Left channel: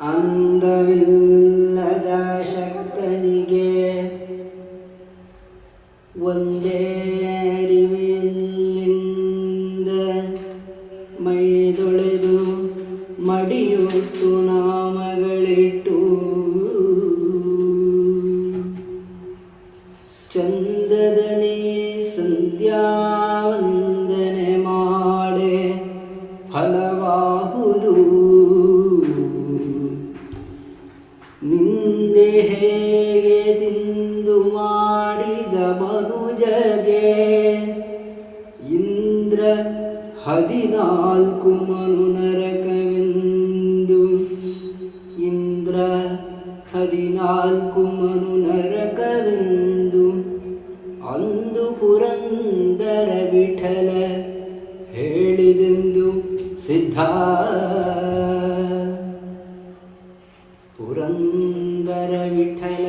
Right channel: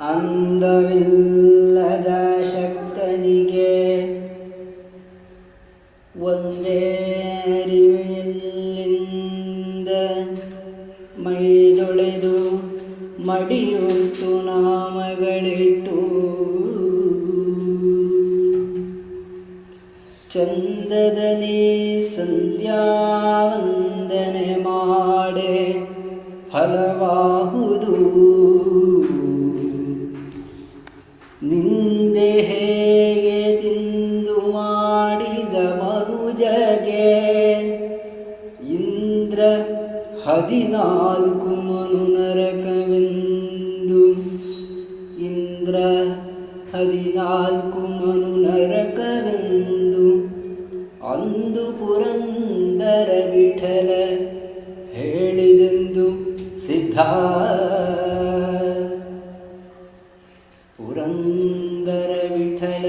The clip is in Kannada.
ಅಂದವಿಲ್ಲದ ಶಕ್ತನಿಗೆ ಒಂದೇ ಅರಿವಿಲ್ಲಿಂದ ಮೈದೊಳೆದು ಮಡಿಯುಟ್ಟು ನಾಮಗಳಿಟ್ಟು. ಚಂದದನಿ ಸಂಧ್ಯಾವಂದನೆ ಮಾಡೆ ನಿಂದೆ ಹೇಗೆ ತಿಂದು ಮಾಡಿದ ಮನುಜಗೆ? ಇಂದ್ರ ಹದಿನಾಲ್ಕು ಮನು ನರಕವೆಂದು ಇಂದ್ರ ಹದಿನಾಲ್ಕು ಮನು ನರಕವೆಂದು ಅಂದು ಪುರಂದರ ವಿಠಲ ಹೇಳಿದೆಂದು ಸಿದ್ಧ ಪುರಂದರ ವಿಠಲ.